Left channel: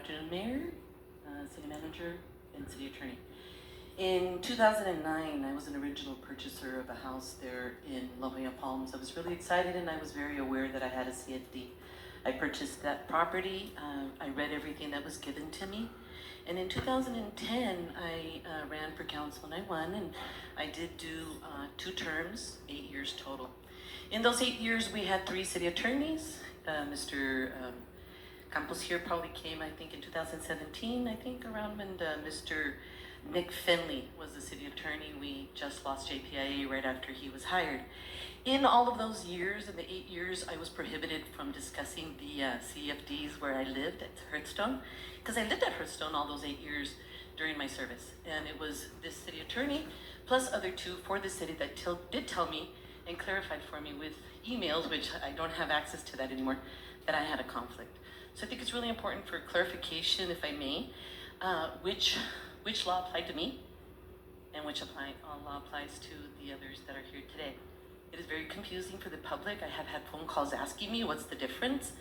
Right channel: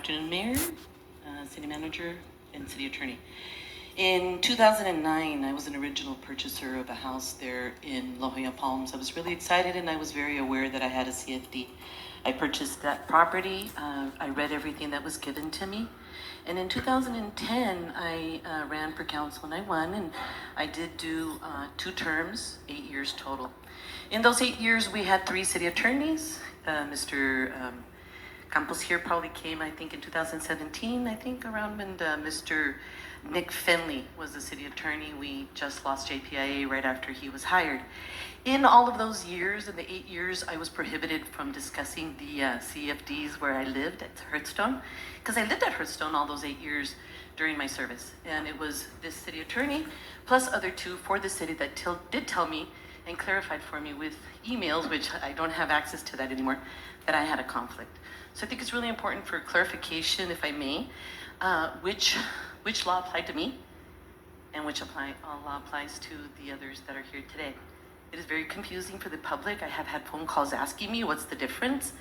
afternoon, Mayor, City Manager, and City Attorney. In 2009, I was an original purchaser of a house there in Jolla Palms. I was really excited and I was very aware that I had a CFD. I purchased that property. I read everything that was given to me. And in 2010, I ran for council and I won, and I did do 2 terms, 8 years total. In those 8 years, we had 3 city attorneys. Mr. Campos here probably came, I think, in 2017, I think, around when Mr. Nick Finley was the city attorney. We just lost JPIA right after he was hired. In all of those years, in the 8 years, I was prohibited from discussing the CFDs where I lived at Hearthstone, because I lived at Hearthstone all those 8 years during my service. And it was this city attorney, plus other 2 for the city that did tell me and clarified for me with emails, which I don't have access to that anymore, that I had a conflict. So I think it's really important for clarification, if I may, which law applied to me and which law applies to the others that are here today. It is very confusing for the public. I have had phone calls asking me what's the difference.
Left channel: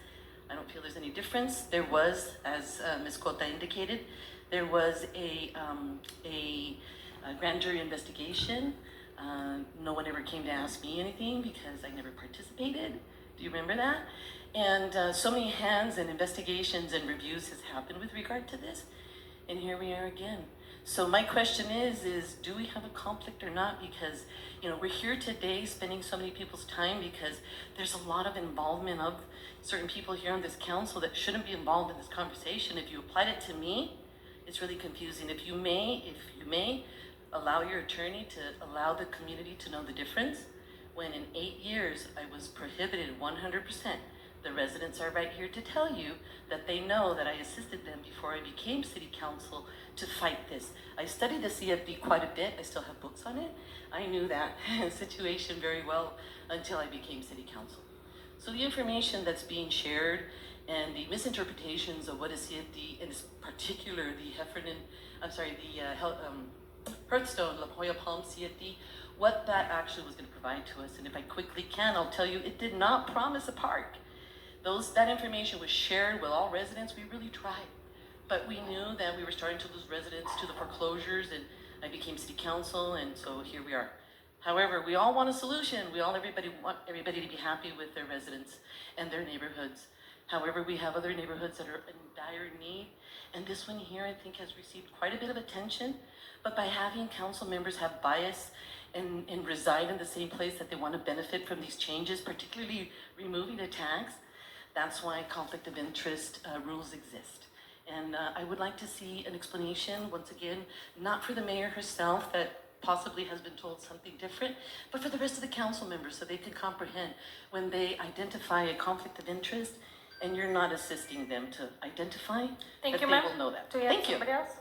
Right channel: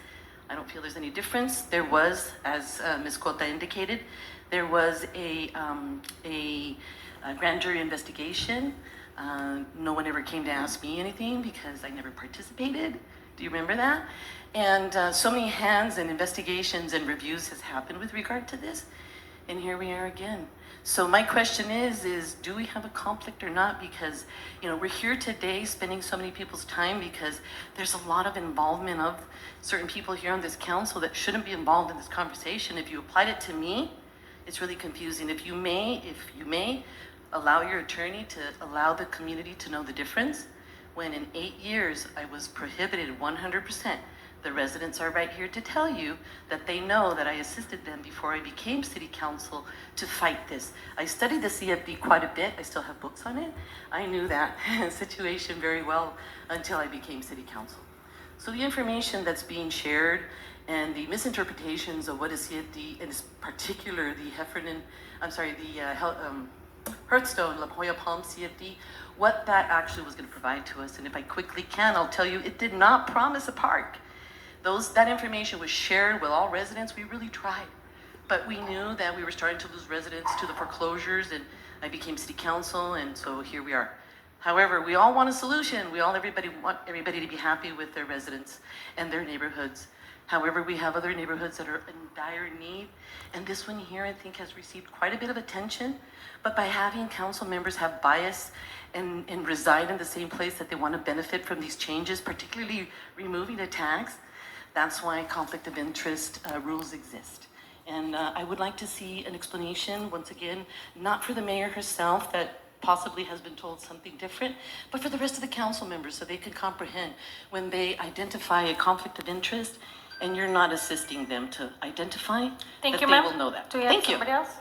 I don't feel there's any difference. There was, as Ms. Cota indicated, there was a grand jury investigation. No one ever came to ask me anything because I never participated. Do you remember that? And so many hands and investigations and reviews has happened with regard to this. And here we are again. So my question is do we have a conflict or not? Because, we're here today spending so many people's time because there's a lot of involvement of certain people here on this council that shouldn't be involved in this conversation. If you applied it to me, it's really confusing. If you may, allow your attorney to allow the community to know the difference. When in 8 years, I was prohibited 100%. The residents are right here to tell you that they know that I assisted them before I became city council to fight this. I studied the CFD quite a bit. I still have books on it. I knew that situation very well until I became city council. So the information that's being shared and the misinterpretations of what is CFD, and in particular the Hearthstone, La Jolla Palms CFD, what that actually was going to provide to us. And if I quickly can, I'll tell you, it did not promise a park. That information was shared with all residents. We really tried, but we knew that we were starting to lose residents to the foreclosures, and I became city council, and so here we are. However, we all want a solution. Everybody want everybody to be happy with their residents and their neighborhoods. However, we have other neighborhoods that are in dire need, and this one here, I think, has received quite a bit of attention, but by having council members have bias and reside in the same place that they want to benefit from these changes, particularly removing the tax, that's why conflict of interest rules exist. And I would like to see an explanation, once again, not for the mayor herself that possibly has been told something different, but for the rest of the council members so they can comprehend when they identify a conflict of interest and you're not assisting them to identify, Thank that you, they ma'am. will know that. Do we have Thank you. somebody else?